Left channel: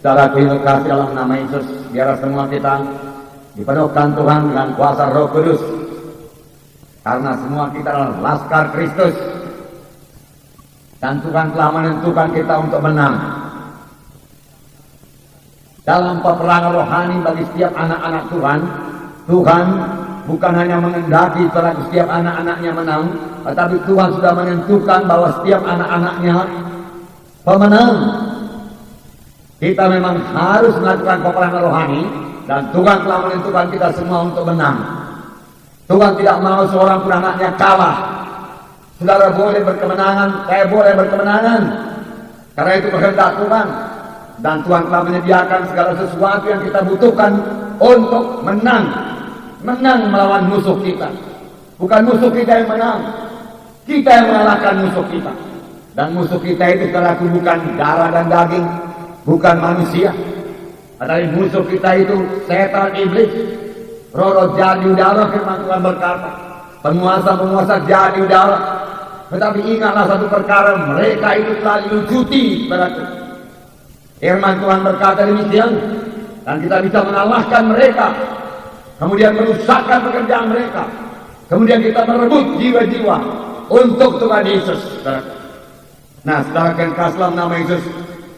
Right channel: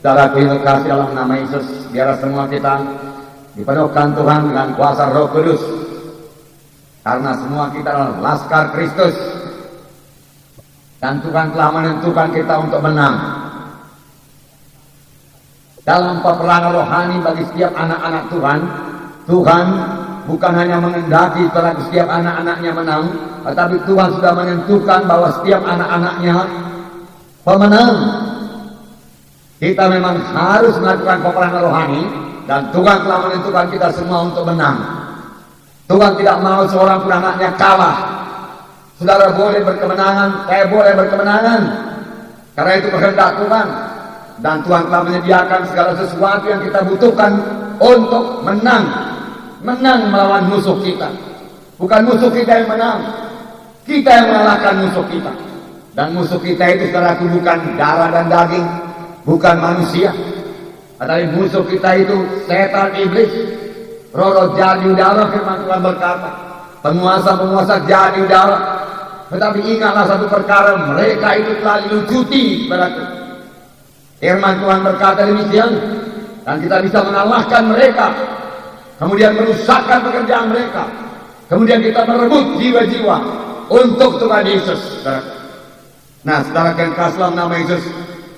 Saudaraku yang terkasih dalam nama Yesus, biarlah semua kita dipenuhkan Tuhan dengan kuasa Roh Kudus. Karena semua kita adalah laskar Kristus. Dan Tuhan telah menentukan kita untuk menang. Dalam peperangan rohani bagi setiap anak-anak Tuhan, Tuhan bukan hanya mengendaki para setiap anak-anaknya menang, tetapi Tuhan sudah menentukan bahwa setiap anak-anaknya pemenang. Kita memang harus melakukan peperangan rohani, dan Tuhan telah menentukan kita semua untuk menang. Tuhan tidak mau seorang pun anaknya kalah. Saudara boleh berkemenangan, saya boleh berkemenangan. Karena itu kehendak Tuhan. Dan Tuhan telah menyediakan segala sesuatu yang kita butuhkan untuk menang. Menang melawan musuh kita. Bukan musuh kita yang menang. Kita yang mengalahkan musuh kita. Dan musuh kita itu saudaraku bukan darah dan daging. Bukan manusia. Tetapi musuh kita itu setan iblis. Roh jadi udara, firman Tuhan berkata. Penguasa-penguasa jadi udara. Tetapi ingatlah satu perkara, mereka itu telah dilucuti, saudaraku. Firman Tuhan berkata demikian, dan kita bisa mengalahkan mereka, kemudian merusakkan pekerjaan mereka, kemudian kita merebut jiwa-jiwa untuk Tuhan Yesus. Nah, saudara yang kasih dalam nama Yesus,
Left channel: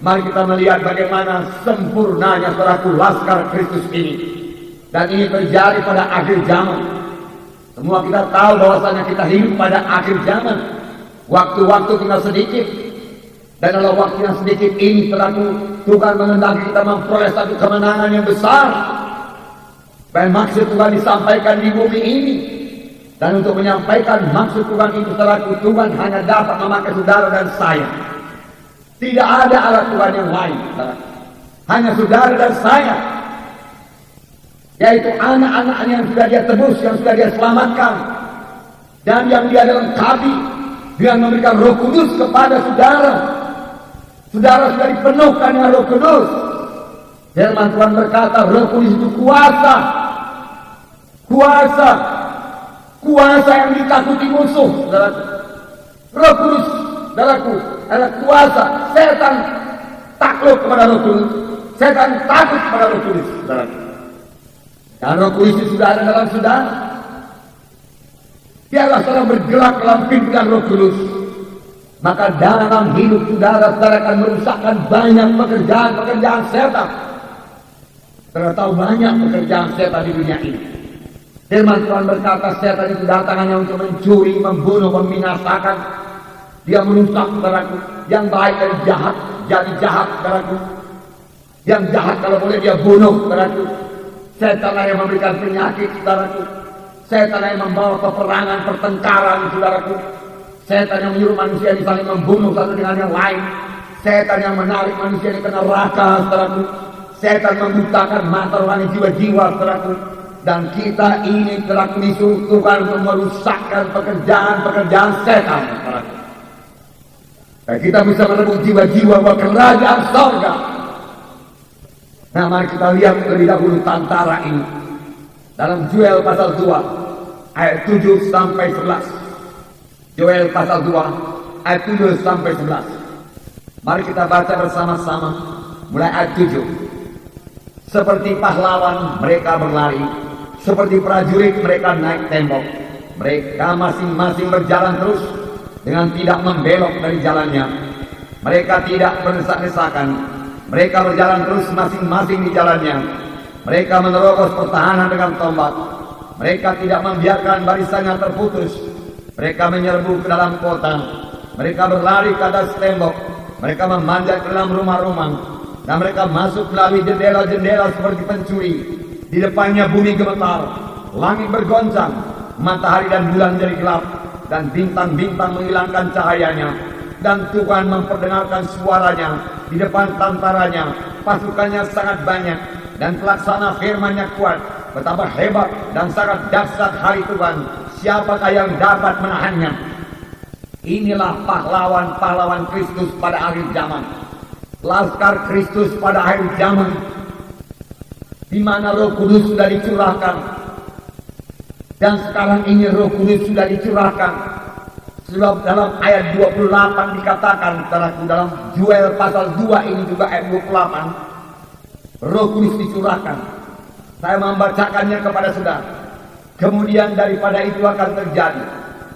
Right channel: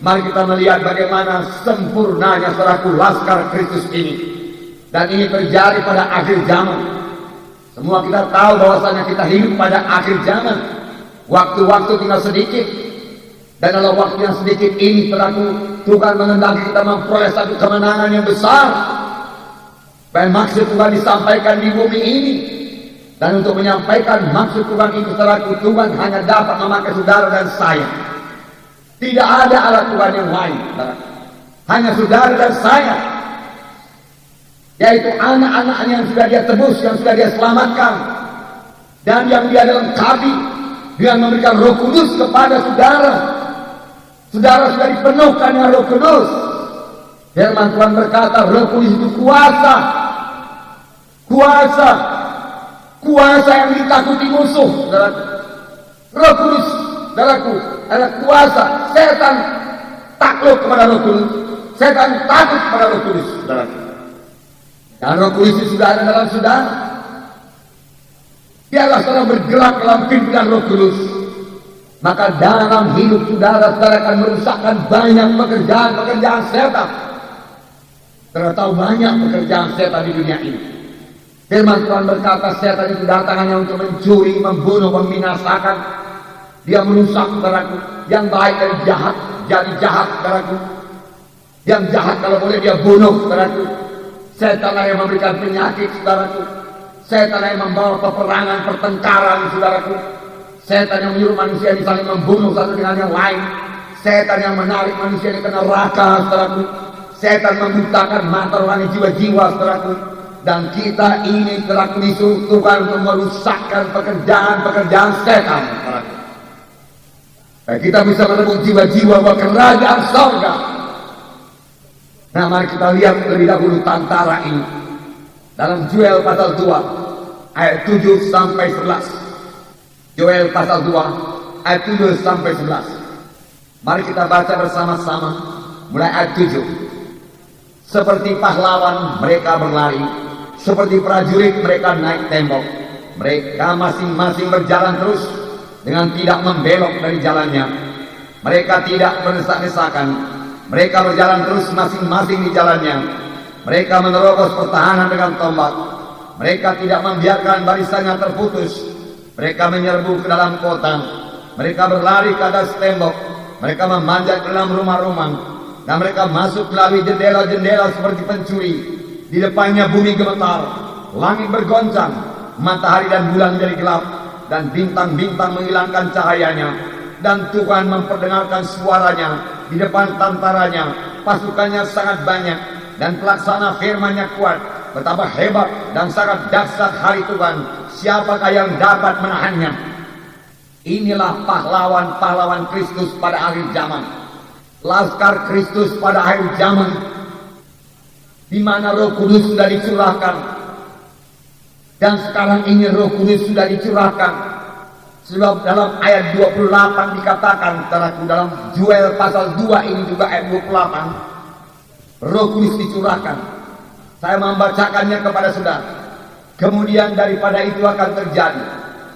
mari kita melihat bagaimana sempurnanya saudaraku laskar Kristus ini. Dan ini terjadi pada akhir zaman. Semua kita tahu bahwasanya kita hidup pada akhir zaman. Waktu-waktu tinggal sedikit. Dan dalam waktu yang sedikit ini saudaraku, Tuhan mengendaki kita memperoleh satu kemenangan yang besar. Dan maksud Tuhan disampaikan di bumi ini. Dan untuk menyampaikan maksud Tuhan itu saudaraku, Tuhan hanya dapat memakai saudara dan saya. Tidak ada alat Tuhan yang lain, saudaraku. Hanya saudara dan saya. Yaitu anak-anaknya yang sudah dia tebus, yang sudah dia selamatkan. Dan yang dia lengkapi. Dia memberikan Roh Kudus kepada saudara. Saudara sudah dipenuhkan dengan Roh Kudus. Firman Tuhan berkata, Roh Kudus itu kuasa. Kuasa. Kuasa yang ditakuti musuh. Saudaraku. Roh Kudus, saudaraku, adalah kuasa. Setan takluk kepada Roh Kudus. Setan takut kepada Roh Kudus, saudaraku. Dan Roh Kudus itu sudah ada dalam saudara. Biarlah saudara bergerak dalam pimpinan Roh Kudus. Maka dalam hidup saudara akan merusakkan banyak pekerjaan-pekerjaan setan. Saudara tahu banyak pekerjaan setan di dunia ini. Firman Tuhan berkata setan itu datang hanya untuk mencuri, membunuh, membinasakan. Dia merusak saudaraku. Yang baik dari jahat, jadi jahat saudaraku. Yang jahat kalau boleh dia bunuh saudaraku. Setan yang memberikan penyakit saudaraku. Setan yang membawa peperangan, pertengkaran saudaraku. Setan yang menyuruh manusia ini saling membunuh satu dengan yang lain. Setan yang menarik manusia ini ke neraka saudaraku. Setan membutakan mata rohani jiwa-jiwa saudaraku. Dan kita ini saudaraku disuruh Tuhan untuk merusakkan pekerjaan-pekerjaan setan saudaraku. Dan kita bisa merebut jiwa-jiwa ke kerajaan surga. Nah, mari kita lihat lebih dahulu tantara ini. Dalam Yoel pasal 2, ayat 7 sampai 11. Yoel pasal 2, ayat 7 sampai 11. Mari kita baca bersama-sama. Mulai ayat 7. Seperti pahlawan mereka berlari. Seperti prajurit mereka naik tembok. Mereka masing-masing berjalan terus dengan tidak membelok dari jalannya. Mereka tidak berdesak-desakan. Mereka berjalan terus masing-masing di jalannya. Mereka menerobos pertahanan dengan tombak. Mereka tidak membiarkan barisannya terputus. Mereka menyerbu ke dalam kota. Mereka berlari ke atas tembok. Mereka memanjat ke dalam rumah-rumah. Dan mereka masuk melalui jendela-jendela seperti pencuri. Di depannya bumi gemetar. Langit bergoncang. Matahari dan bulan menjadi gelap. Dan bintang-bintang menghilangkan cahayanya. Dan Tuhan memperdengarkan suaranya di depan tantaranya. Pasukannya sangat banyak dan pelaksana firman-Nya kuat. Betapa hebat dan sangat dahsyat hari Tuhan. Siapakah yang dapat menahannya? Inilah pahlawan-pahlawan Kristus pada akhir zaman. Laskar Kristus pada akhir zaman. Di mana Roh Kudus sudah dicurahkan. Dan sekarang ini Roh Kudus sudah dicurahkan. Sebab dalam ayat 28 dikatakan, dalam Yoel pasal 2 ini juga ayat 28, Roh Kudus dicurahkan. Saya membacakannya kepada saudara. Kemudian daripada itu akan terjadi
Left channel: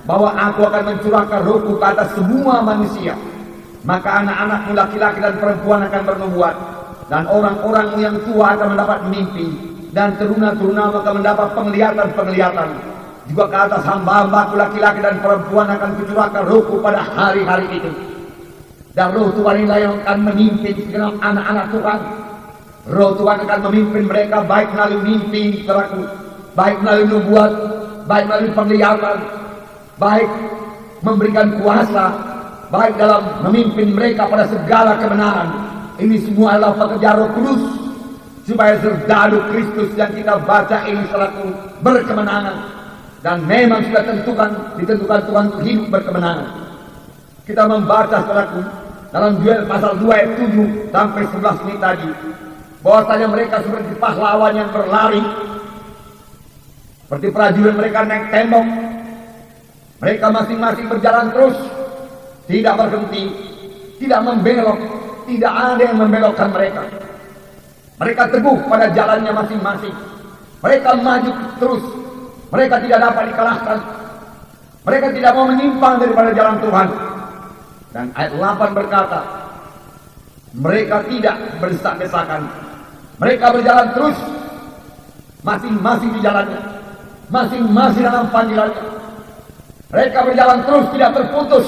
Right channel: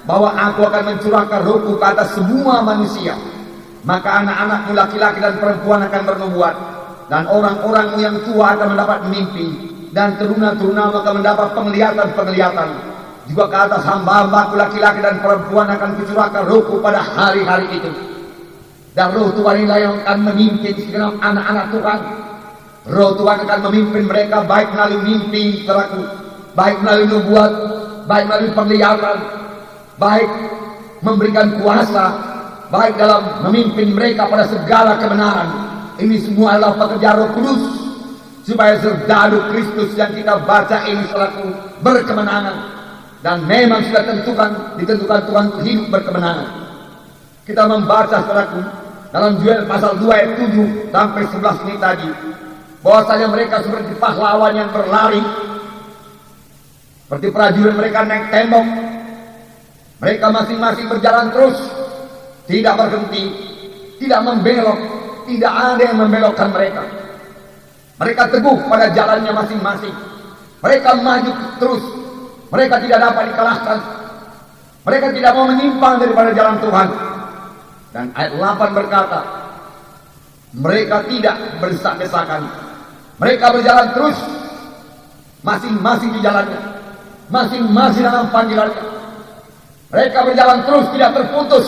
bahwa aku akan mencurahkan Rohku ke atas semua manusia. Maka anak-anak laki-laki dan perempuan akan bernubuat, dan orang-orang yang tua akan mendapat mimpi, dan teruna-teruna akan mendapat penglihatan-penglihatan. Juga ke atas hamba-hambaku laki-laki dan perempuan akan kucurahkan Rohku pada hari-hari itu. Dan Roh Tuhan inilah yang akan memimpin segenap anak-anak Tuhan. Roh Tuhan akan memimpin mereka baik melalui mimpi, saudaraku, baik melalui nubuat, baik melalui penglihatan, baik memberikan kuasa, baik dalam memimpin mereka pada segala kebenaran. Ini semua adalah pekerjaan Roh Kudus, supaya serdadu Kristus yang kita baca ini saudaraku berkemenangan. Dan memang sudah ditentukan Tuhan untuk hidup berkemenangan. Kita membaca saudaraku dalam Yoel pasal 2 ayat 7 sampai 11 ini tadi, bahwasanya mereka seperti pahlawan yang berlari, seperti prajurit mereka naik tembok. Mereka masing-masing berjalan terus, tidak berhenti, tidak membelok, tidak ada yang membelokkan mereka. Mereka teguh pada jalannya masing-masing. Mereka maju terus. Mereka tidak dapat dikalahkan. Mereka tidak mau menyimpang daripada jalan Tuhan. Dan ayat 8 berkata, mereka tidak berdesak-desakan. Mereka berjalan terus, masing-masing di jalannya, masing-masing dalam panggilannya. Mereka berjalan terus, tidak terputus.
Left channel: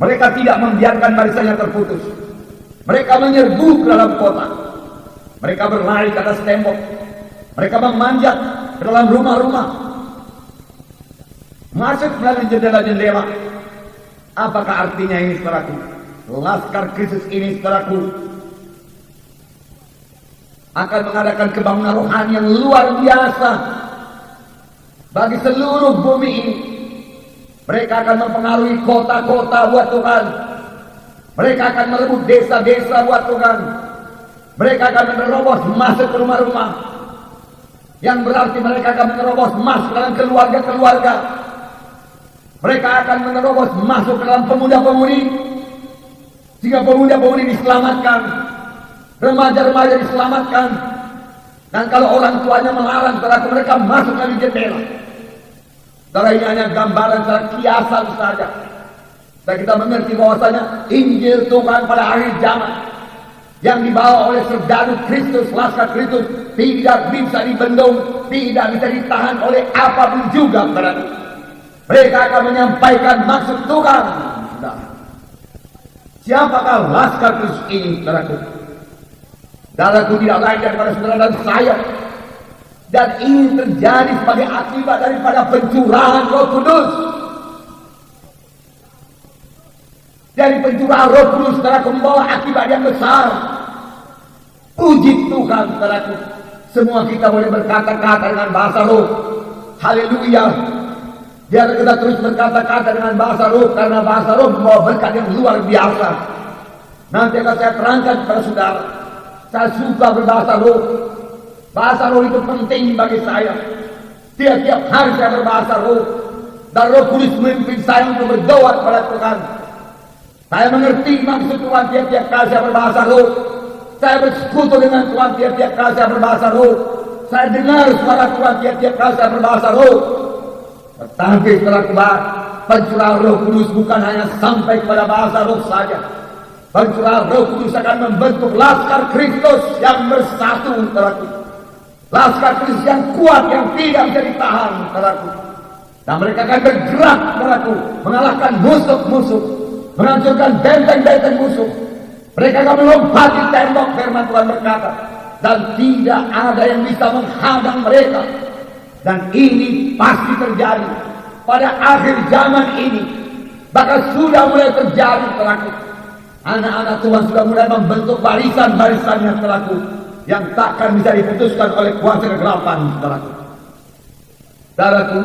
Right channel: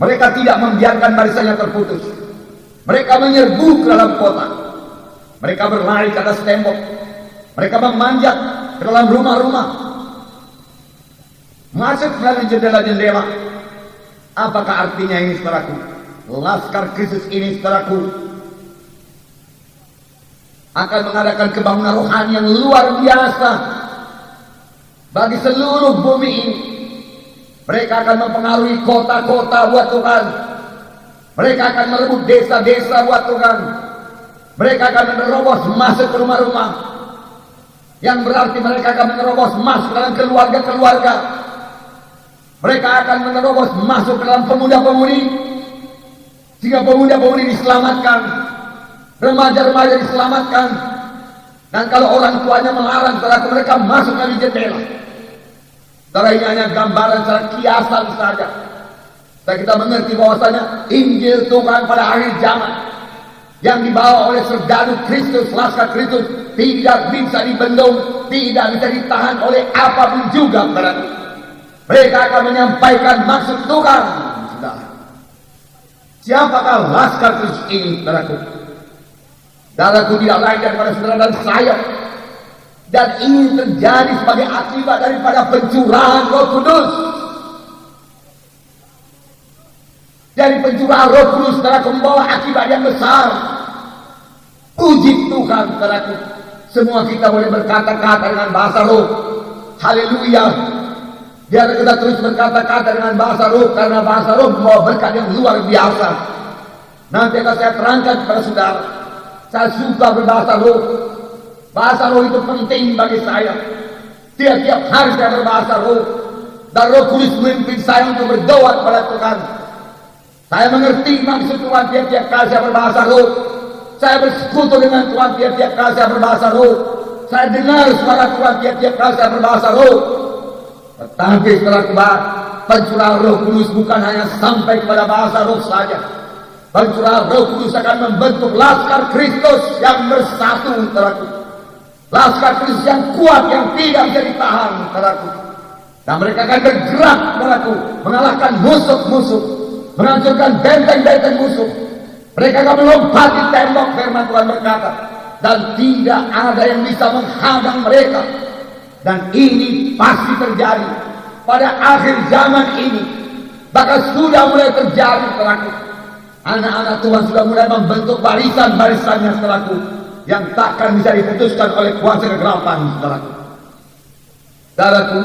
Mereka tidak membiarkan barisannya terputus. Mereka menyerbu ke dalam kota. Mereka berlari ke atas tembok. Mereka memanjat ke dalam rumah-rumah. Masuk melalui jendela-jendela. Apakah artinya ini, saudaraku? Laskar Kristus ini, saudaraku, akan mengadakan kebangunan rohani yang luar biasa bagi seluruh bumi ini. Mereka akan mempengaruhi kota-kota buat Tuhan. Mereka akan merebut desa-desa buat Tuhan. Mereka akan menerobos masuk ke rumah-rumah. Yang berarti mereka akan menerobos masuk dalam keluarga-keluarga. Mereka akan menerobos masuk ke dalam pemuda-pemudi. Sehingga pemuda-pemudi diselamatkan. Remaja-remaja diselamatkan. Dan kalau orang tuanya melarang, saudara, mereka masuk dari jendela. Saudara, ini hanya gambaran secara kiasan saja. Dan kita mengerti bahwasanya Injil Tuhan pada akhir zaman yang dibawa oleh serdadu Kristus, laskar Kristus, tidak bisa dibendung, tidak bisa ditahan oleh apapun juga, saudara. Mereka akan menyampaikan maksud Tuhan. Siapakah laskar Kristus ini, saudaraku? Saudaraku, tidak lain daripada saudara dan saya. Dan ini terjadi sebagai akibat daripada pencurahan Roh Kudus. Dari pencurahan Roh Kudus, saudaraku, membawa akibat yang besar. Puji Tuhan, saudaraku. Semua kita boleh berkata-kata dengan bahasa roh. Haleluya. Biar kita terus berkata-kata dengan bahasa roh, karena bahasa roh membawa berkat yang luar biasa. Nanti akan saya terangkan kepada saudara. Saya suka berbahasa roh. Bahasa roh itu penting bagi saya. Tiap-tiap hari saya berbahasa roh. Dan Roh Kudus memimpin saya untuk berdoa kepada Tuhan. Saya mengerti maksud Tuhan tiap-tiap kali saya berbahasa roh. Saya bersekutu dengan Tuhan tiap-tiap kali saya berbahasa roh. Saya dengar suara Tuhan tiap-tiap kali saya berbahasa roh. Tetapi setelah kebal, pencurahan Roh Kudus bukan hanya sampai pada bahasa roh saja. Pencurahan Roh Kudus akan membentuk laskar Kristus yang bersatu, saudaraku. Laskar Kristus yang kuat, yang tidak bisa ditahan, saudaraku. Dan mereka akan bergerak, saudaraku, mengalahkan musuh-musuh, menghancurkan benteng-benteng musuh. Mereka akan melompati tembok, firman Tuhan berkata, dan tidak ada yang bisa menghadang mereka. Dan ini pasti terjadi pada akhir zaman ini. Bahkan sudah mulai terjadi, saudaraku. Anak-anak Tuhan sudah mulai membentuk barisan-barisannya, saudaraku, yang takkan bisa diputuskan oleh kuasa kegelapan, saudaraku. Saudaraku,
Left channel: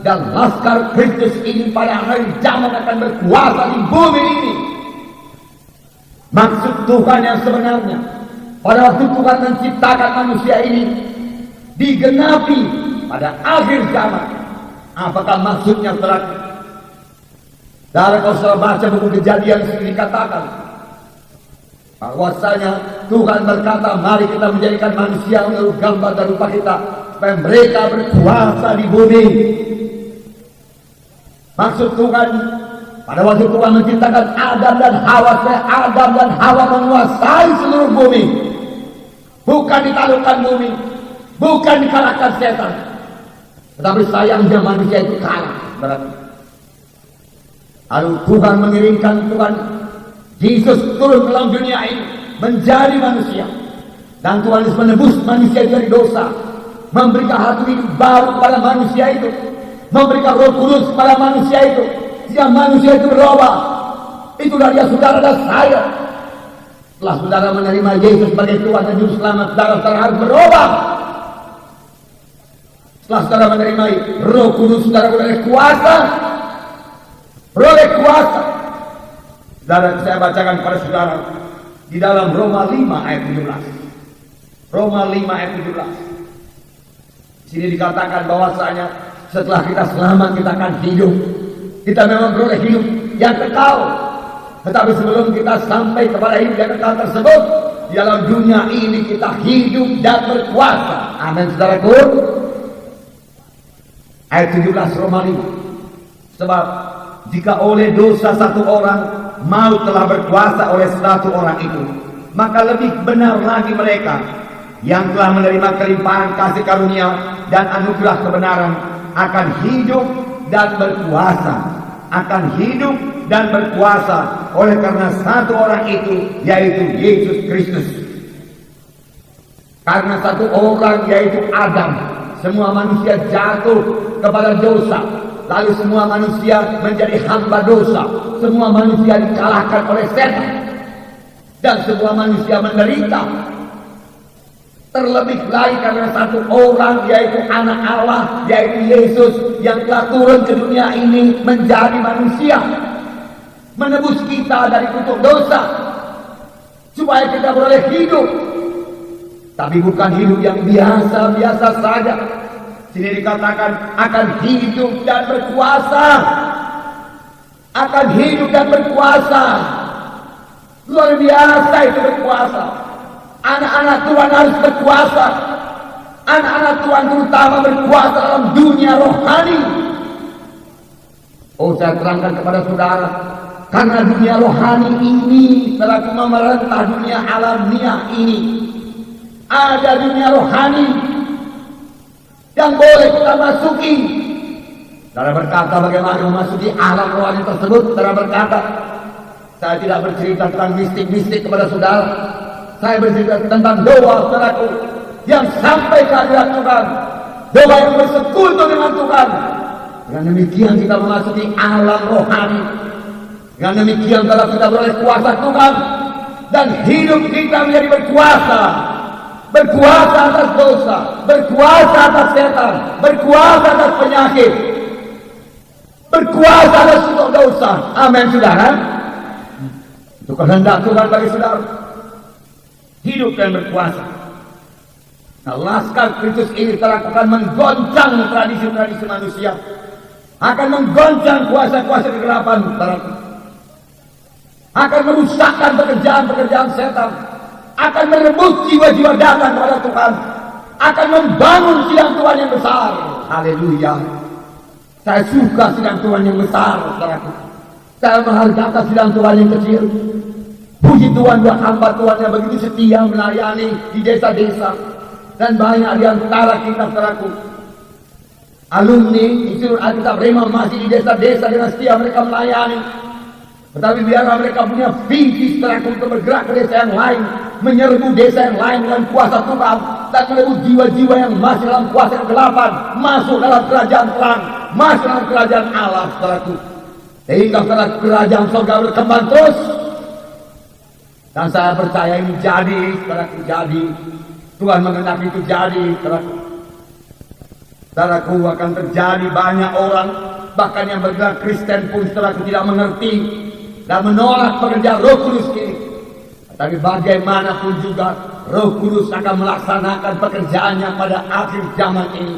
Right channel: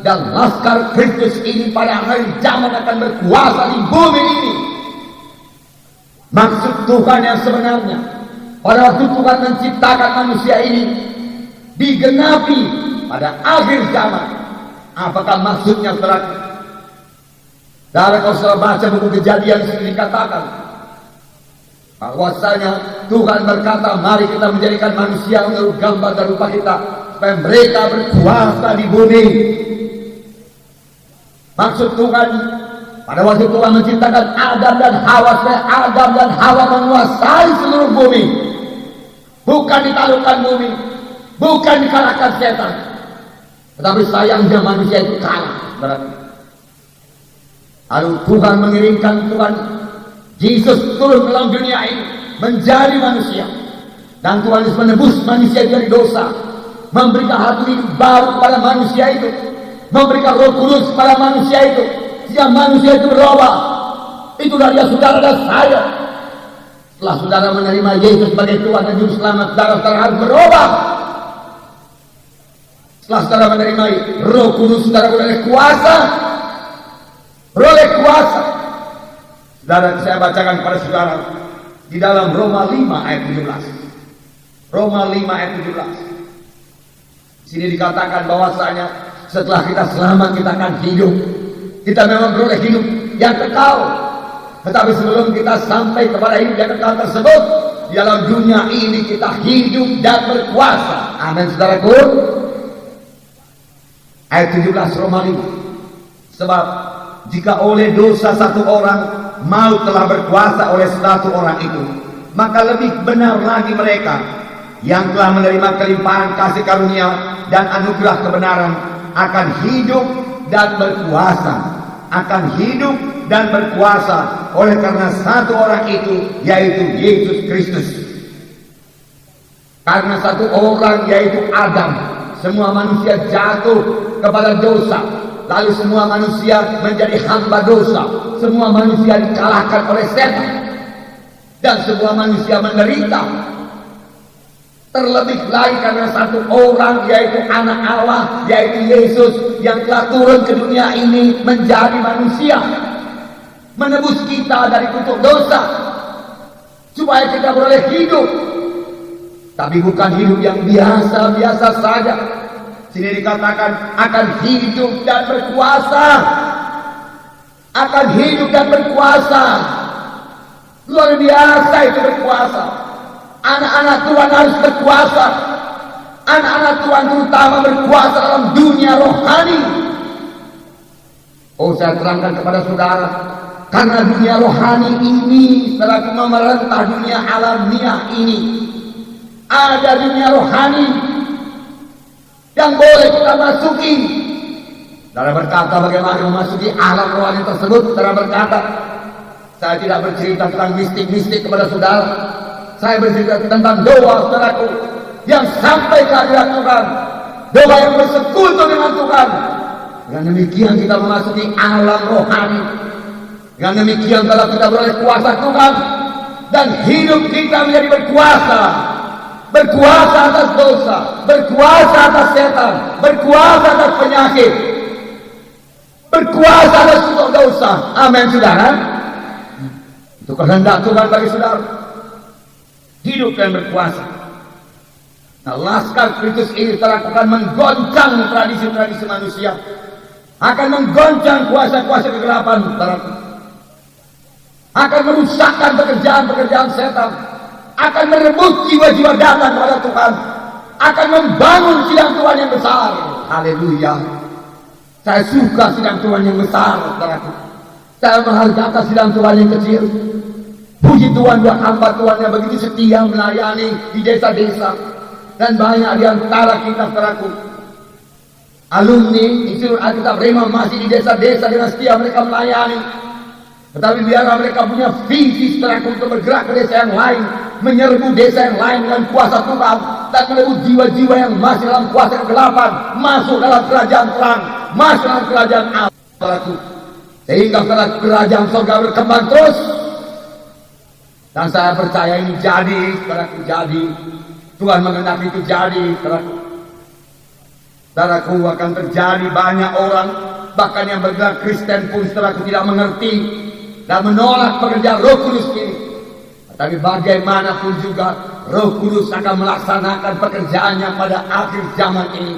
dan laskar Kristus ini pada akhir zaman akan berkuasa di bumi ini. Maksud Tuhan yang sebenarnya pada waktu Tuhan menciptakan manusia ini digenapi pada akhir zaman. Apakah maksudnya, saudaraku? Kalau saudara baca buku Kejadian, dikatakan Bahwasanya Tuhan berkata, mari kita menjadikan manusia menurut gambar dan rupa kita, supaya mereka berkuasa di bumi. Maksud Tuhan pada waktu Tuhan menciptakan Adam dan Hawa, supaya Adam dan Hawa menguasai seluruh bumi, bukan ditaklukkan bumi, bukan dikalahkan setan. Tetapi sayangnya manusia itu kalah. Lalu Tuhan mengirimkan Tuhan Yesus turun ke dalam dunia ini menjadi manusia, dan Tuhan Yesus menebus manusia dari dosa, memberikan hati hidup baru kepada manusia itu, memberikan Roh Kudus kepada manusia itu, sehingga manusia itu berubah. Itulah dia saudara dan saya. Setelah saudara menerima Yesus sebagai Tuhan dan Juru Selamat, saudara harus berubah. Setelah saudara menerima Roh Kudus, saudara beroleh kuasa. Beroleh kuasa. Saudara, saya bacakan kepada saudara di dalam Roma 5 ayat 17. Roma 5 ayat 17. Di sini dikatakan bahwasanya setelah kita selamat kita akan hidup. Kita memang beroleh hidup yang kekal. Tetapi sebelum kita sampai kepada hidup yang kekal tersebut, di dalam dunia ini kita hidup dan berkuasa. Amin, saudaraku. Ayat 17 Roma 5. Sebab jika oleh dosa satu orang maut telah berkuasa oleh satu orang itu, maka lebih benar lagi mereka yang telah menerima kelimpahan kasih karunia dan anugerah kebenaran akan hidup dan berkuasa, akan hidup dan berkuasa oleh karena satu orang itu, yaitu Yesus Kristus. Karena satu orang, yaitu Adam, semua manusia jatuh kepada dosa, lalu semua manusia menjadi hamba dosa. Semua manusia dikalahkan oleh setan, dan semua manusia menderita. Terlebih lagi karena satu orang, yaitu anak Allah, yaitu Yesus, yang telah turun ke dunia ini menjadi manusia, menebus kita dari kutuk dosa, supaya kita boleh hidup. Tapi bukan hidup yang biasa-biasa saja. Sini dikatakan akan hidup dan berkuasa. Akan hidup dan berkuasa. Luar biasa itu berkuasa. Anak-anak Tuhan harus berkuasa. Anak-anak Tuhan terutama berkuasa dalam dunia rohani. Oh, saya terangkan kepada saudara, karena dunia rohani ini telah memerintah dunia alamiah ini. Ada dunia rohani yang boleh kita masuki. Saudara berkata, bagaimana memasuki alam rohani tersebut? Saudara berkata, saya tidak bercerita tentang mistik-mistik kepada saudara. Saya bercerita tentang doa, saudaraku, yang sampai ke hadirat Tuhan. Doa yang bersekutu dengan Tuhan. Dengan demikian kita memasuki alam rohani. Dengan demikian kalau kita beroleh kuasa Tuhan, dan hidup kita menjadi berkuasa. Berkuasa atas dosa, berkuasa atas setan, berkuasa atas penyakit, berkuasa atas kutuk dosa. Amin, saudara. Itu kehendak Tuhan bagi saudara. Hidup dan berkuasa. Nah, laskar Kristus ini terlakukan menggoncang tradisi-tradisi manusia, akan menggoncang kuasa-kuasa kegelapan, akan merusakkan pekerjaan-pekerjaan setan, akan merebut jiwa-jiwa datang kepada Tuhan, akan membangun sidang Tuhan yang besar. Haleluya. Saya suka sidang Tuhan yang besar, saudaraku. Saya menghargai sidang Tuhan yang kecil. Puji Tuhan buat hamba Tuhan yang begitu setia melayani di desa-desa. Dan banyak di antara kita, saudaraku, alumni Institut Alkitab Rema masih di desa-desa dengan setia mereka melayani. Tetapi biarlah mereka punya visi, saudaraku, untuk bergerak ke desa yang lain, menyerbu desa yang lain dengan kuasa Tuhan, dan merebut jiwa-jiwa yang masih dalam kuasa kegelapan masuk dalam kerajaan terang, masuk dalam kerajaan Allah, saudaraku. Sehingga saudara, kerajaan surga berkembang terus. Dan saya percaya ini jadi, saudaraku, jadi. Tuhan mengenaki itu jadi, saudaraku. Saudaraku, akan terjadi banyak orang, bahkan yang bergerak Kristen pun, saudaraku, tidak mengerti dan menolak pekerjaan Roh Kudus ini. Tapi bagaimanapun juga Roh Kudus akan melaksanakan pekerjaannya pada akhir zaman ini.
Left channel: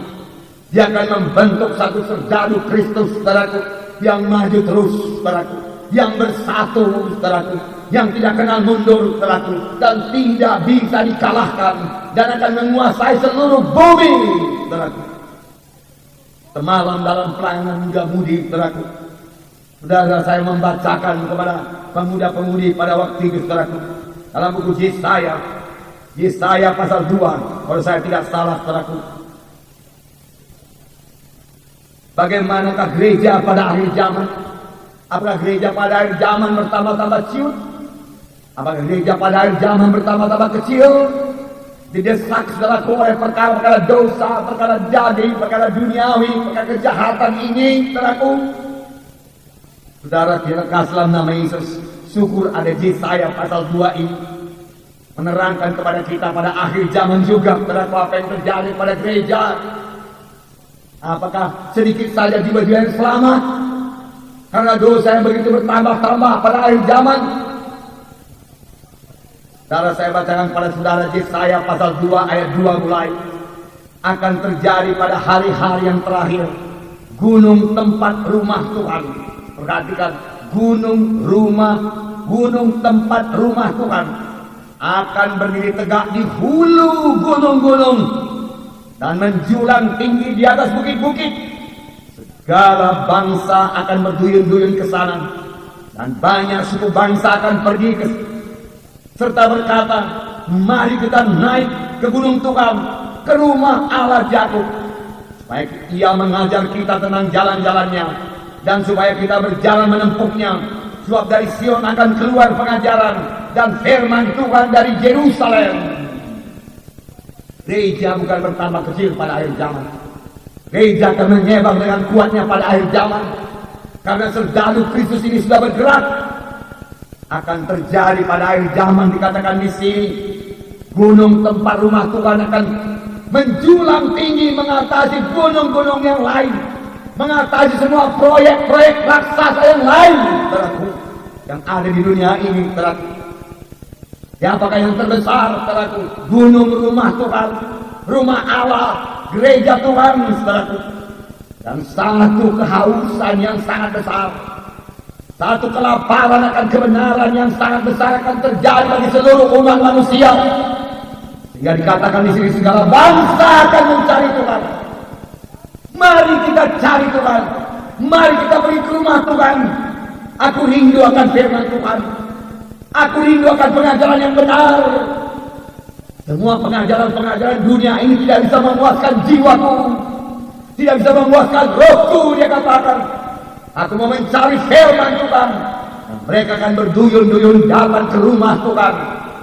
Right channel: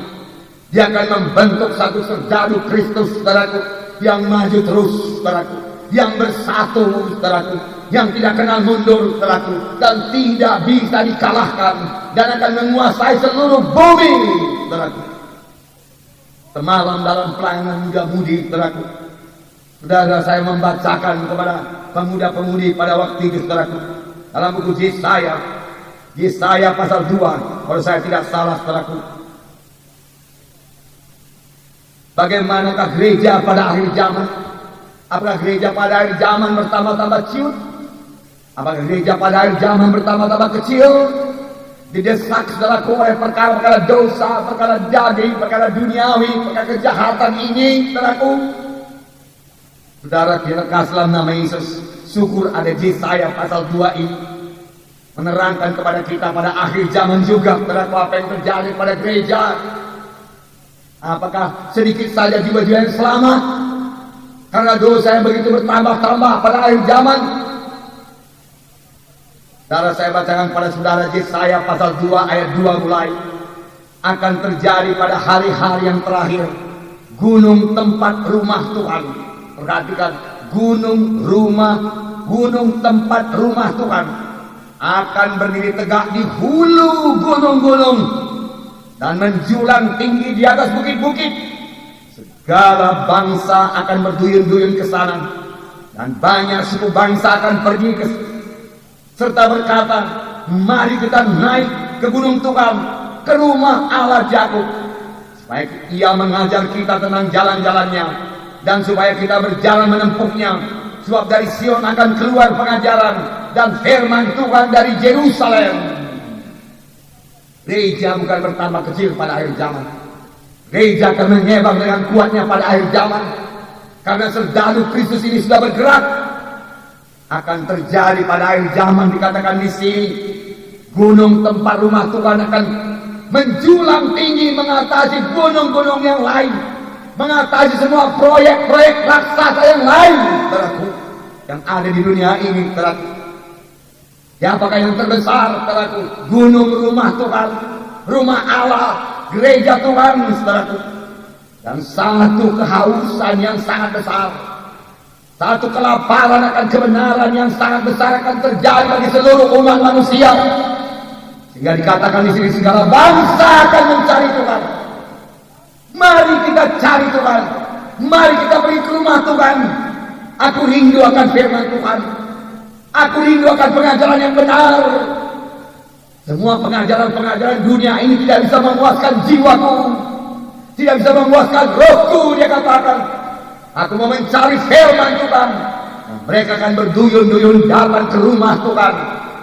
Dia akan membentuk satu serdadu Kristus, saudaraku, yang maju terus, saudaraku. yang bersatu, saudaraku, yang tidak kenal mundur, saudaraku, dan tidak bisa dikalahkan, dan akan menguasai seluruh bumi, saudaraku. Semalam dalam pelayanan muda-mudi, saudaraku, saudara saya membacakan kepada pemuda-pemudi pada waktu itu, saudaraku, dalam buku Yesaya pasal 2, kalau saya tidak salah, saudaraku. Bagaimanakah gereja pada akhir zaman? Apakah gereja pada akhir zaman bertambah-tambah ciut? Apakah gereja pada akhir zaman bertambah-tambah kecil? Didesak saudaraku oleh perkara-perkara dosa, perkara daging, perkara duniawi, perkara kejahatan ini, saudaraku. Saudara, dilekaslah nama Yesus. Syukur ada Yesaya pasal 2 ini menerangkan kepada kita pada akhir zaman juga, saudaraku, apa yang terjadi pada gereja. Apakah sedikit saja jiwa-jiwa yang selamat karena dosa yang begitu bertambah-tambah pada akhir zaman? Saudara, saya bacakan pada saudara Yesaya pasal 2 ayat 2 mulai. Akan terjadi pada hari-hari yang terakhir, gunung tempat rumah Tuhan. Perhatikan, gunung tempat rumah Tuhan akan berdiri tegak di hulu gunung-gunung dan menjulang tinggi di atas bukit-bukit. Segala bangsa akan berduyun-duyun ke sana, dan banyak suku bangsa akan pergi serta berkata, mari kita naik ke gunung Tuhan, ke rumah Allah Yakub, supaya Ia mengajar kita tentang jalan-jalannya, dan supaya kita berjalan menempuhnya. Sebab dari Sion akan keluar pengajaran dan firman Tuhan dari Yerusalem. Gereja bukan bertambah kecil pada akhir zaman. Gereja akan menyebang dengan kuatnya pada akhir zaman. Karena serdadu Kristus ini sudah bergerak. Akan terjadi pada akhir zaman, dikatakan di sini, gunung tempat rumah Tuhan akan menjulang tinggi mengatasi gunung-gunung yang lain, mengatasi semua proyek-proyek raksasa yang lain, saudaraku, yang ada di dunia ini, saudaraku. Siapakah yang terbesar, saudaraku? Gunung rumah Tuhan, rumah Allah, gereja Tuhan, saudaraku. Dan satu kehausan yang sangat besar, satu kelaparan akan kebenaran yang sangat besar akan terjadi bagi seluruh umat manusia. Sehingga dikatakan di sini, segala bangsa akan mencari Tuhan. Mari kita cari Tuhan. Mari kita pergi ke rumah Tuhan. Aku rindu akan firman Tuhan. Aku rindu akan pengajaran yang benar. Semua pengajaran-pengajaran dunia ini tidak bisa memuaskan jiwaku, tidak bisa memuaskan rohku, dia katakan. Aku mau mencari firman Tuhan. Mereka akan berduyun-duyun datang ke rumah Tuhan.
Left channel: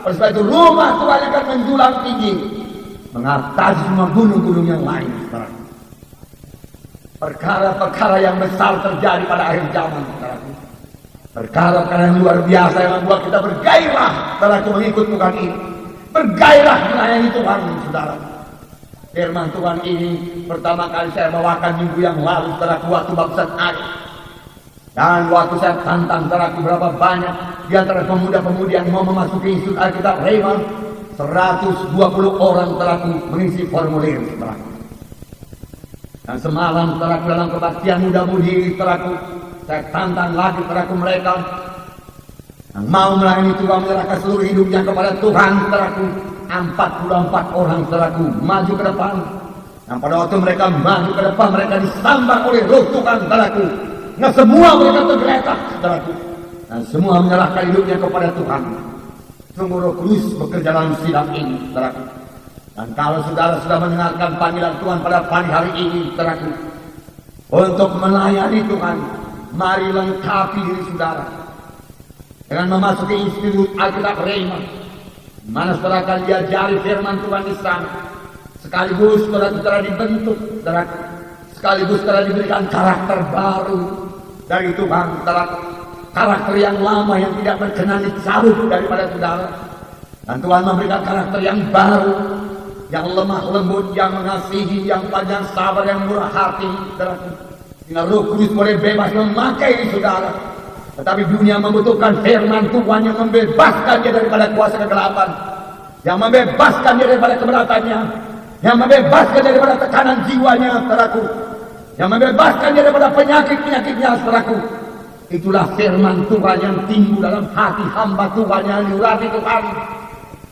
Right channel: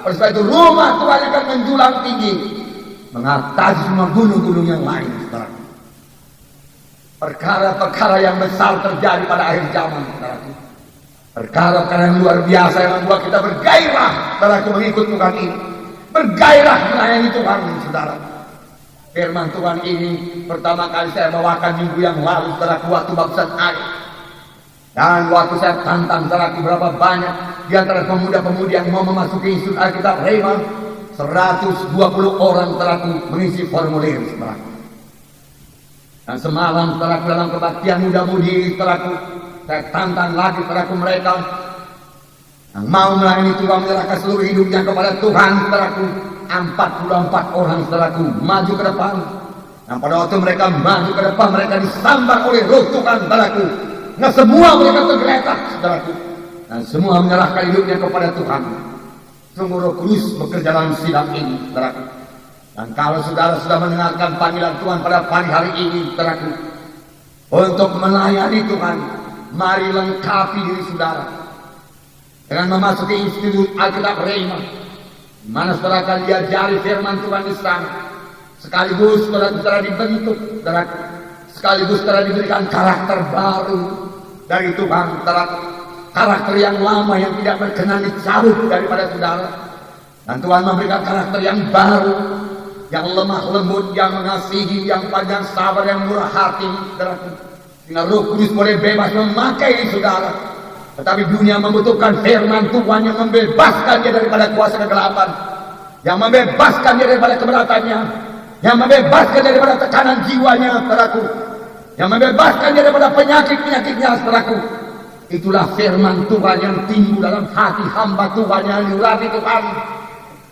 Oleh sebab itu rumah Tuhan akan menjulang tinggi, mengatasi semua gunung-gunung yang lain. Perkara-perkara yang besar terjadi pada akhir zaman. Perkara-perkara yang luar biasa yang membuat kita bergairah dalam mengikut Tuhan ini. Bergairah melayani Tuhan, saudara. Firman Tuhan ini pertama kali saya bawakan minggu yang lalu, saudara, waktu baptisan air. Dan waktu saya tantang, saudara, berapa banyak di antara pemuda-pemudi yang mau memasuki Institut Alkitab Rhema, 120 orang, saudara, mengisi formulir, saudara. Dan semalam, saudara, dalam kebaktian muda-mudi, saudara, saya tantang lagi, saudara, mereka yang mau melayani Tuhan, menyerahkan seluruh hidupnya kepada Tuhan, saudaraku. 44 orang, saudaraku, maju ke depan. Dan pada waktu mereka maju ke depan, mereka disambang oleh roh Tuhan, saudaraku. Nah, semua mereka tergeletak, saudaraku. Dan semua menyerahkan hidupnya kepada Tuhan. Sungguh Roh Kudus bekerja dalam sidang ini, saudaraku. Dan kalau saudara sudah mendengarkan panggilan Tuhan pada pagi hari ini, saudaraku, untuk melayani Tuhan, mari lengkapi diri saudara dengan memasuki Institut Alkitab Rhema, mana saudara akan diajari firman Tuhan di sana. Sekaligus saudara dibentuk, saudara, sekaligus saudara diberikan karakter baru dari Tuhan, saudara. Karakter yang lama yang tidak berkenan dicabut daripada saudara. Dan Tuhan memberikan karakter yang baru, yang lemah lembut, yang mengasihi, yang panjang sabar, yang murah hati, saudara. Sehingga Roh Kudus boleh bebas memakai saudara. Tetapi dunia membutuhkan firman Tuhan yang membebaskan dia daripada kuasa kegelapan, yang membebaskan dia daripada keberatannya, yang membebaskan dia daripada tekanan jiwanya, saudaraku, yang membebaskan dia daripada penyakit-penyakitnya, saudaraku. Itulah firman Tuhan yang timbul dalam hati hamba Tuhan yang diurapi Tuhan.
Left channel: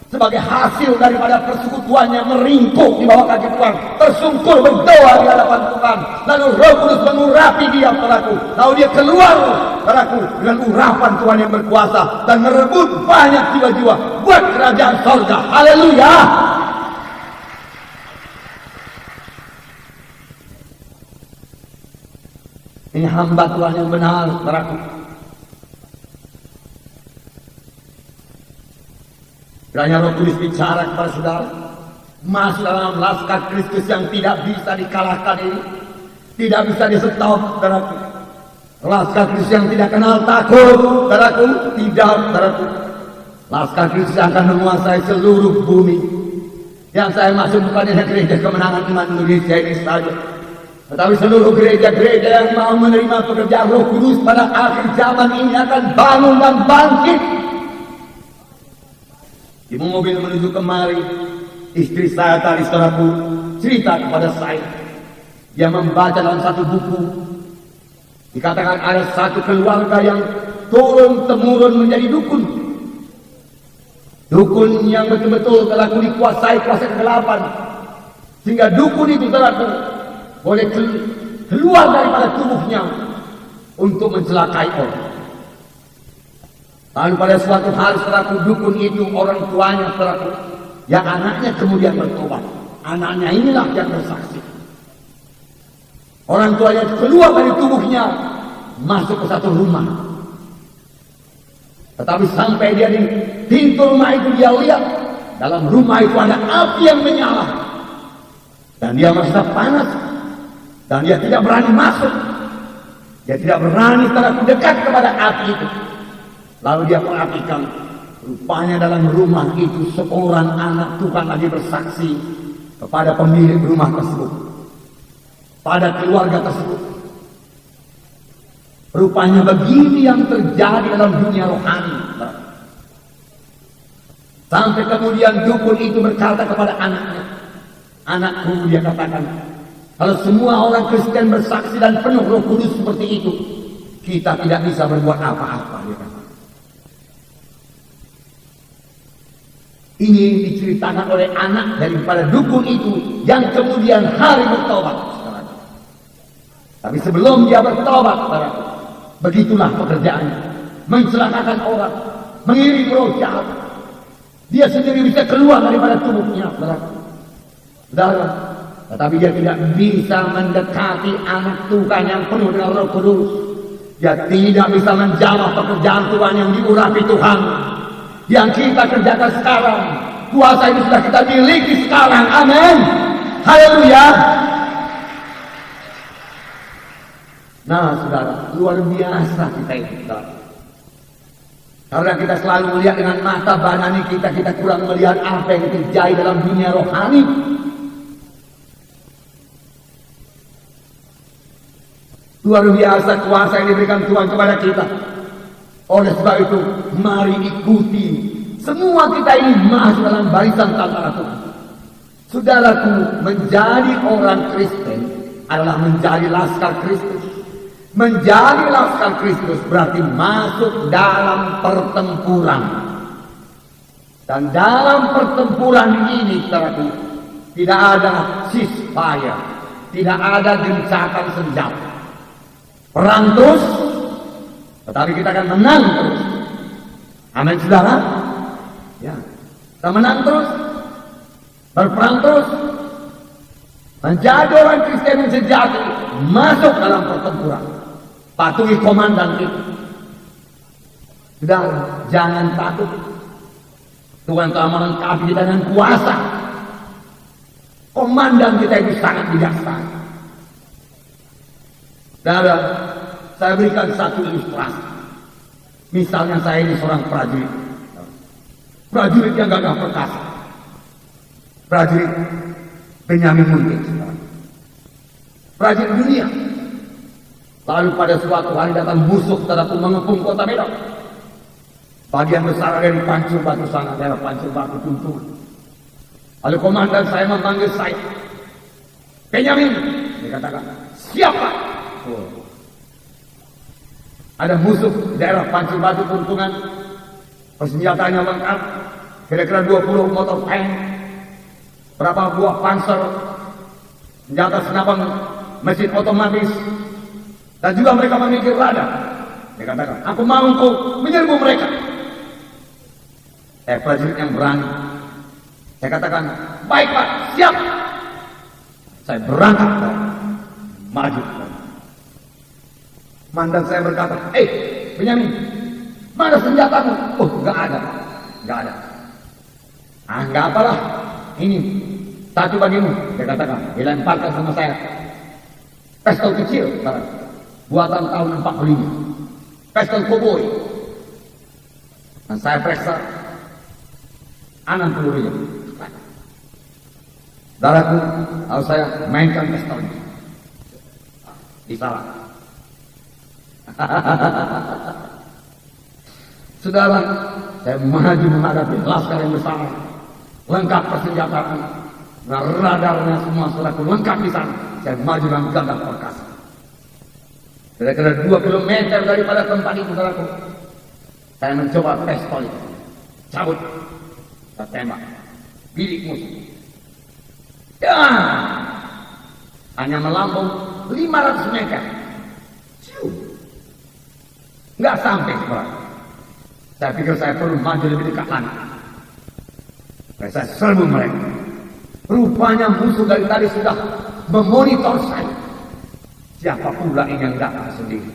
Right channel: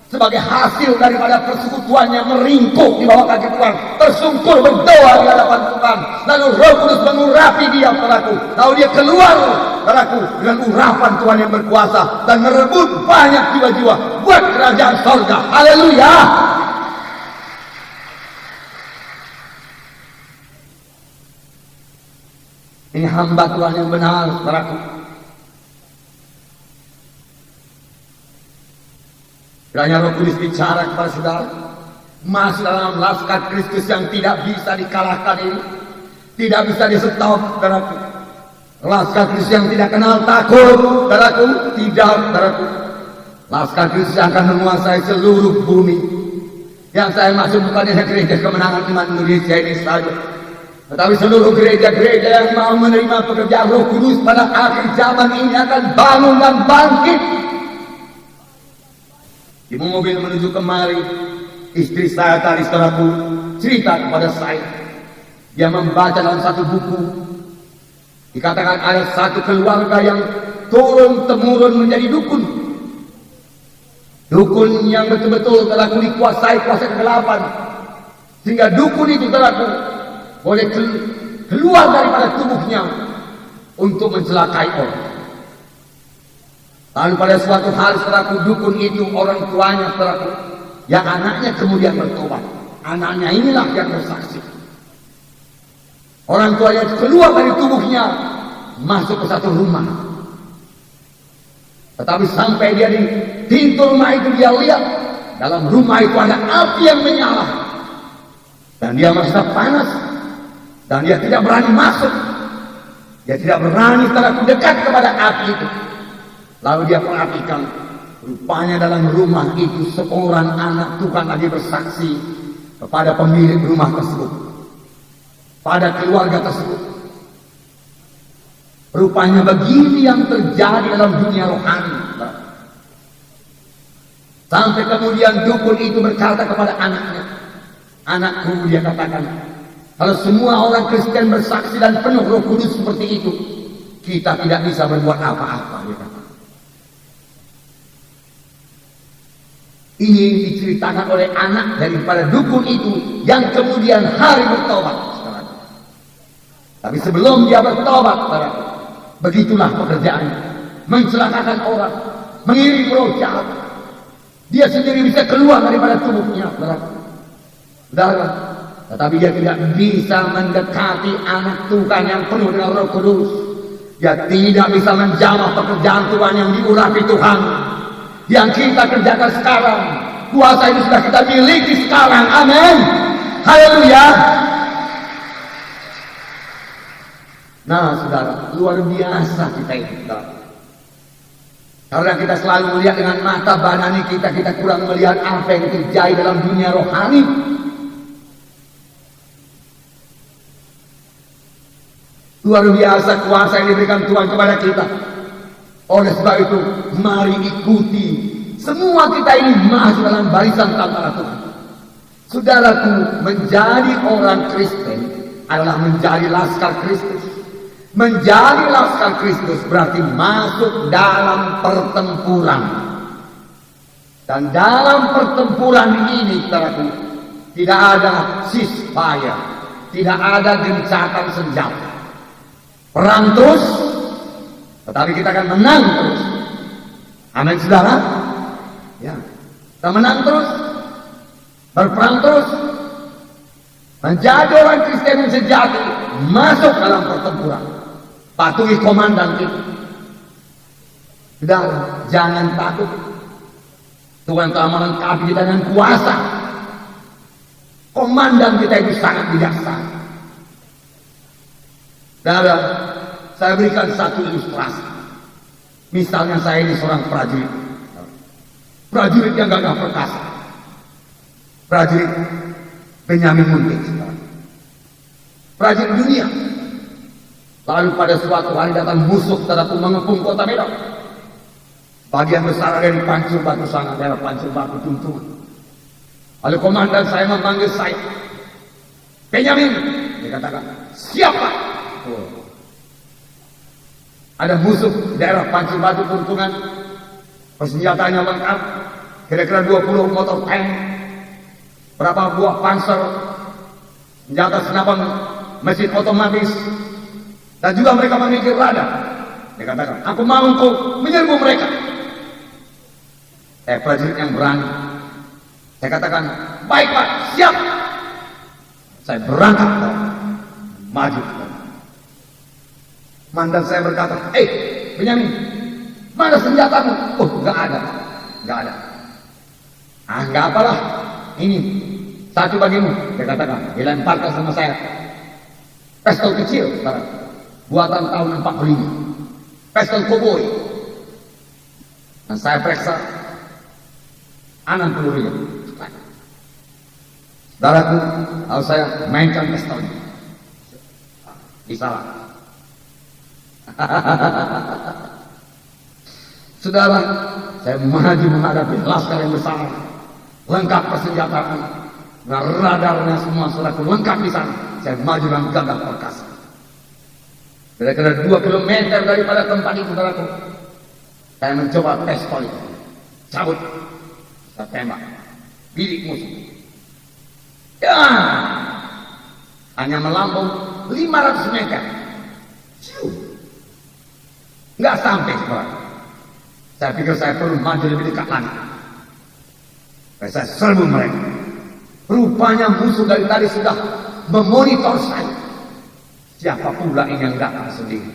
Sebagai hasil daripada persekutuannya meringkuk di bawah kaki Tuhan, tersungkur berdoa di hadapan Tuhan. Lalu Roh Kudus mengurapi dia, saudaraku. Lalu dia keluar, saudaraku, dengan urapan Tuhan yang berkuasa dan merebut banyak jiwa-jiwa buat kerajaan surga. Haleluya! Ini hamba Tuhan yang benar, saudaraku. Kiranya Roh Kudus bicara kepada saudara, masuk dalam laskar Kristus yang tidak bisa dikalahkan ini, tidak bisa di-stop, saudaraku. Laskar Kristus yang tidak kenal takut, saudaraku, tidak, saudaraku. Laskar Kristus yang akan menguasai seluruh bumi. Yang saya maksud bukan hanya gereja kemenangan iman Indonesia ini saja, tetapi seluruh gereja-gereja yang mau menerima pekerjaan Roh Kudus pada akhir zaman ini akan bangun dan bangkit. Di mobil menuju kemari, istri saya tadi, saudaraku, cerita kepada saya. Dia membaca dalam satu buku, dikatakan ada satu keluarga yang turun-temurun menjadi dukun. Dukun yang betul-betul saudaraku dikuasai kuasa kegelapan. Sehingga dukun itu, saudaraku, boleh keluar daripada tubuhnya untuk mencelakai orang. Lalu pada suatu hari, saudaraku, dukun itu orang tuanya, saudaraku, yang anaknya kemudian bertobat. Anaknya inilah yang bersaksi. Orang tuanya keluar dari tubuhnya, masuk ke satu rumah. Tetapi sampai dia di pintu rumah itu, dia lihat dalam rumah itu ada api yang menyala. Dan dia merasa panas. Dan dia tidak berani masuk. Dia tidak berani, saudaraku, dekat kepada api itu. Lalu dia perhatikan, rupanya dalam rumah itu seorang anak Tuhan lagi bersaksi kepada pemilik rumah tersebut, pada keluarga tersebut. Rupanya begini yang terjadi dalam dunia rohani. Sampai kemudian dukun itu berkata kepada anaknya, anakku, dia katakan, kalau semua orang Kristen bersaksi dan penuh Roh Kudus seperti itu, kita tidak bisa berbuat apa-apa, dia kata. Ini diceritakan oleh anak daripada dukun itu yang kemudian hari bertobat. Tapi sebelum dia bertobat, begitulah pekerjaannya. Mencelakakan orang, mengirim roh jahat. Dia sendiri bisa keluar daripada tubuhnya, saudara. Tetapi dia tidak bisa mendekati anak Tuhan yang penuh dengan Roh Kudus. Dia tidak bisa menjamah pekerjaan Tuhan yang diurapi Tuhan. Yang kita kerjakan sekarang, kuasa itu sudah kita miliki sekarang. Amin. Haleluya. Nah, saudara, luar biasa kita ini, saudara. Karena kita selalu melihat dengan mata badani kita, kita kurang melihat apa yang terjadi dalam dunia rohani. Luar biasa kuasa yang diberikan Tuhan kepada kita. Oleh sebab itu, mari ikuti. Semua kita ini masuk dalam barisan tentara Tuhan. Saudaraku, menjadi orang Kristen adalah menjadi laskar Kristus. Menjadi laskar Kristus berarti masuk dalam pertempuran. Dan dalam pertempuran ini, saudaraku, tidak ada ceasefire, tidak ada gencatan senjata. Perang terus, tetapi kita akan menang terus. Amin, saudara. Ya, kita menang terus, berperang terus, menjadi orang Kristen yang sejati, masuk dalam pertempuran, patuhi komandan kita. Saudara, jangan takut. Tuhan telah melengkapi kita dengan kuasa. Komandan kita itu sangat bijaksana. Saudara, saya berikan satu ilustrasi. Misalnya saya ini seorang prajurit. Prajurit yang gagah perkasa. Prajurit Benyamin Muntir. Prajurit dunia. Lalu pada suatu hari datang musuh terhadap mengepung kota Medan. Bagian besar dari pancur batu sana adalah pancur batu tuntungan. Lalu komandan saya memanggil saya. Benyamin, dia katakan, siapa? Ada musuh daerah Pancur Batu Puntungan, persenjataannya lengkap, kira-kira 20 motor tank, berapa buah panser, senjata senapan mesin otomatis, dan juga mereka memiliki radar. Dia katakan, aku mau untuk menyerbu mereka. Prajurit yang berani. Saya katakan, baik Pak, siap. Saya berangkat, maju. Mandan saya berkata, Benyamin, mana senjatamu? Oh, nggak ada. Nggak apalah, ini satu bagimu. Dia katakan, dilemparkan sama saya. Pistol kecil, buatan tahun 45. Pistol koboi. Dan saya periksa 60 ribu. Saudaraku, kalau saya mainkan pistolnya, bisa. Saudara, saya maju menghadapi laskar yang besar, lengkap persenjataan, radarnya semua saudaraku lengkap di sana. Saya maju dalam gagak perkasa. Kira-kira 2 kilometer daripada tempat itu, saudaraku, saya mencoba pistol itu, cabut, saya tembak, bilik musuh. Ya, hanya melambung 500 meter. Nggak sampai sebenarnya. Saya pikir saya perlu maju lebih dekat lagi. Saya serbu mereka. Rupanya musuh dari tadi sudah memonitor saya. Siapa pula ini yang datang sendiri?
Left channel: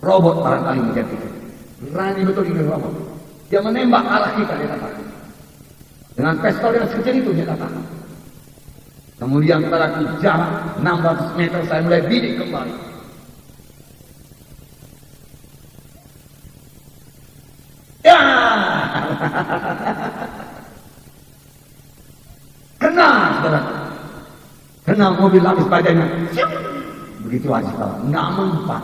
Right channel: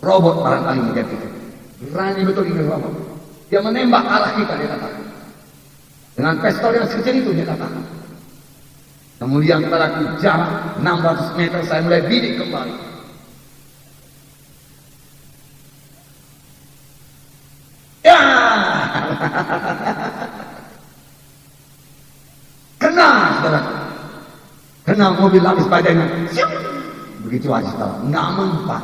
Robot barangkali dia pikir. Berani betul ini robot. Dia menembak arah kita, dia katakan. Dengan pistol yang sekecil itu, dia katakan. Kemudian pada jalan 600 meter saya mulai bidik kembali. Ya, kena mobil lapis bajanya. Begitu aja, nggak mempan.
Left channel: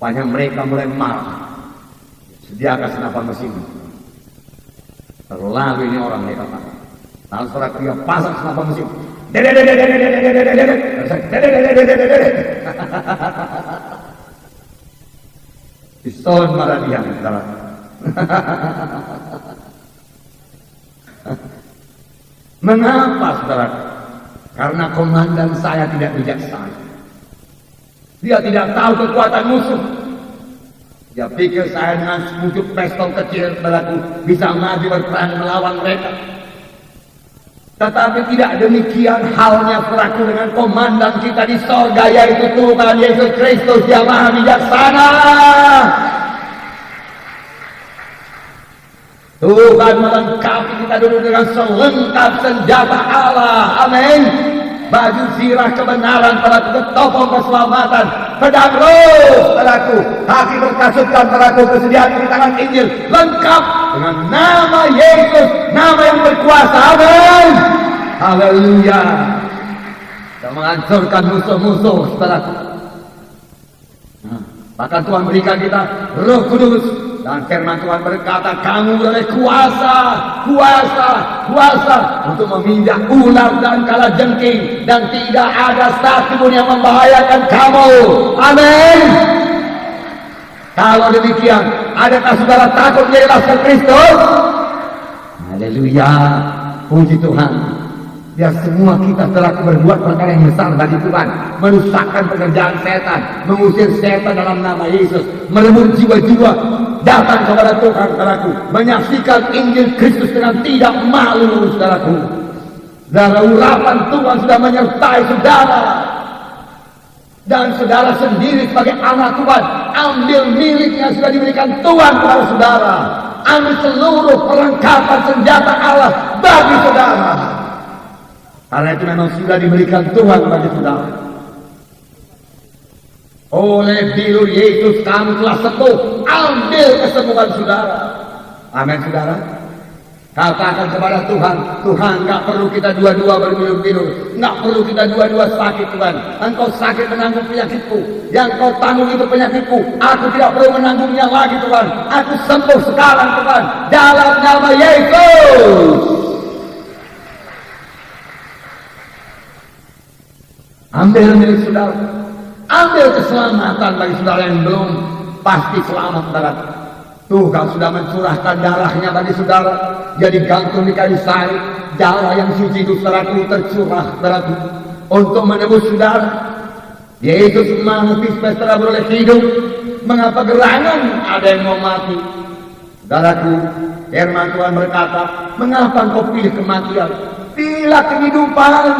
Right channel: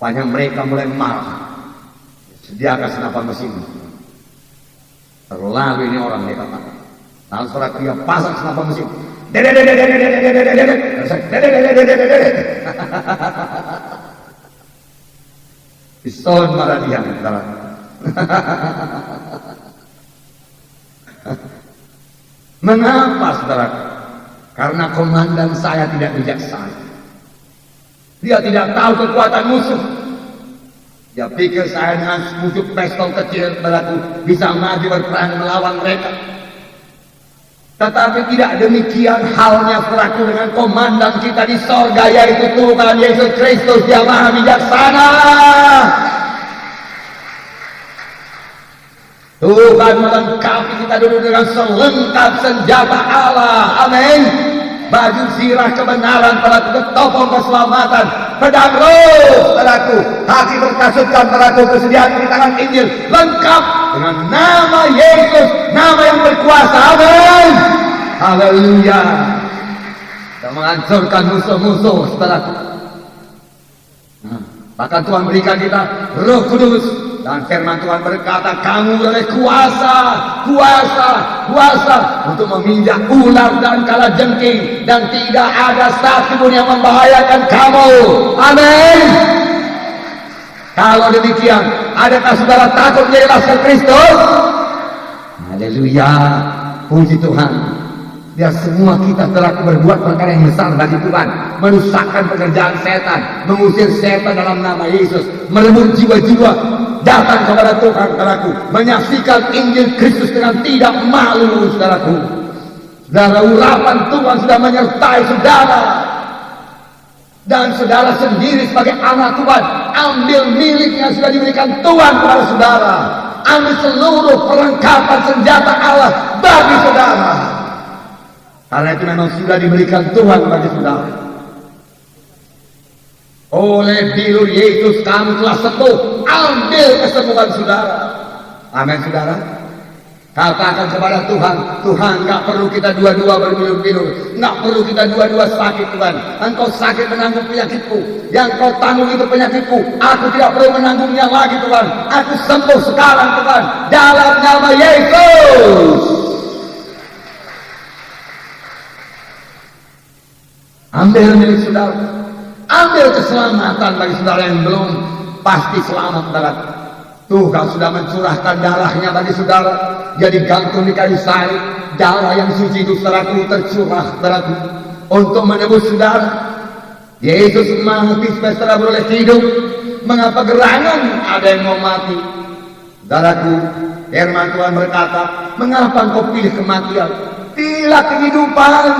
Rupanya mereka mulai marah. Sediakan senapan mesin. Terlalu ini orang dia kata. Langsung dia pasang senapan mesin. Pistol marah dia. Mengapa, saudara? Karena komandan saya tidak bijaksana. Dia tidak tahu kekuatan musuh. Dia pikir saya dengan sepucuk pistol kecil saudaraku bisa maju berperang melawan mereka. Tetapi tidak demikian halnya saudaraku dengan komandan kita di sorga, yaitu Tuhan Yesus Kristus yang maha bijaksana. Tuhan melengkapi kita dulu dengan selengkap senjata Allah. Amin. Baju zirah kebenaran, pelaku ketopong keselamatan, pedang roh, pelaku kaki berkasutkan, pelaku kesediaan di tangan Injil, lengkap dengan nama Yesus, nama yang berkuasa. Amin. Haleluya. Kita menghancurkan musuh-musuh, saudaraku. Bahkan Tuhan berikan kita Roh Kudus. Dan firman Tuhan berkata, kamu oleh kuasa untuk meminjak ular dan kalajengking, dan tidak ada satu pun yang membahayakan kamu. Amin. Kalau demikian, adakah saudara takut menjadi laskar Kristus? Haleluya, puji Tuhan. Ya, semua kita telah berbuat perkara yang besar bagi Tuhan, merusakkan pekerjaan setan, mengusir setan dalam nama Yesus, merebut jiwa-jiwa datang kepada Tuhan, saudaraku, menyaksikan Injil Kristus dengan tidak malu, saudaraku. Saudara, urapan Tuhan sudah menyertai saudara, dan saudara sendiri sebagai anak Tuhan, ambil milik yang sudah diberikan Tuhan kepada saudara, ambil seluruh perlengkapan senjata Allah bagi saudara. Karena itu memang sudah diberikan Tuhan bagi saudara. Oleh bilur Yesus kamu telah sembuh. Ambil kesembuhan saudara. Amin, saudara. Katakan kepada Tuhan, Tuhan, nggak perlu kita dua-dua berbilur-bilur, nggak perlu kita dua-dua sakit, Tuhan. Engkau sakit menanggung penyakitku, yang kau tanggung itu penyakitku. Aku tidak perlu menanggungnya lagi, Tuhan. Aku sembuh sekarang, Tuhan, dalam nama Yesus. Ambil milik saudara. ambil keselamatan bagi saudara yang belum pasti selamat, saudara. Tuhan sudah mencurahkan darahnya bagi saudara, jadi gantung di kayu salib. Darah yang suci itu, saudaraku, tercurah, saudaraku, untuk menebus saudara. Yesus mati supaya saudara boleh hidup. Mengapa gerangan ada yang mau mati? Saudaraku, firman Tuhan berkata, mengapa engkau pilih kematian? Pilih kehidupan.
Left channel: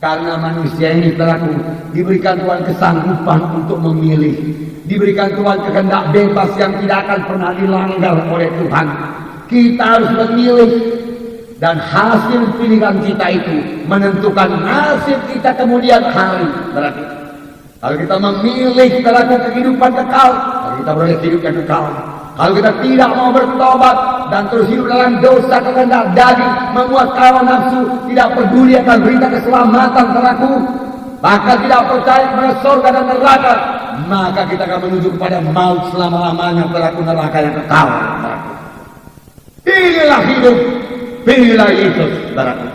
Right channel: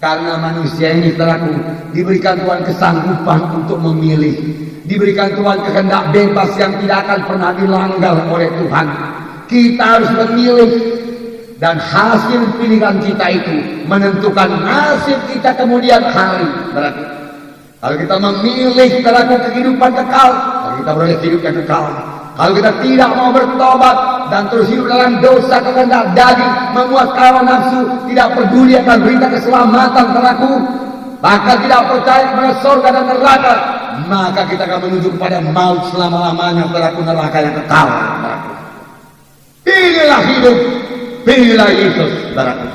Karena manusia ini, saudaraku, diberikan Tuhan kesanggupan untuk memilih. Diberikan Tuhan kehendak bebas yang tidak akan pernah dilanggar oleh Tuhan. Kita harus memilih. Dan hasil pilihan kita itu menentukan nasib kita kemudian hari. Saudaraku, kalau kita memilih, saudaraku, kehidupan kekal, kita boleh hidup yang kekal. Kalau kita tidak mau bertobat dan terus hidup dalam dosa kehendak daging, membuat hawa nafsu, tidak peduli akan berita keselamatan, saudaraku, bahkan tidak percaya kepada surga dan neraka, maka kita akan menuju kepada maut selama-lamanya, saudaraku, neraka yang kekal. Saudaraku, pilihlah hidup, pilihlah Yesus, saudaraku.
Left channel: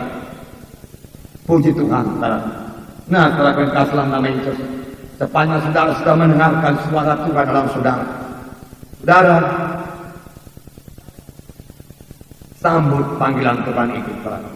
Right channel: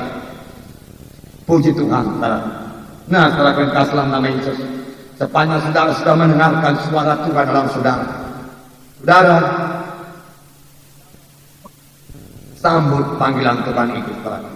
Puji Tuhan, saudaraku. Nah, saudaraku yang kasih dalam nama Yesus, sepanjang saudara sudah mendengarkan suara Tuhan dalam saudara, saudara sambut panggilan Tuhan itu, saudaraku.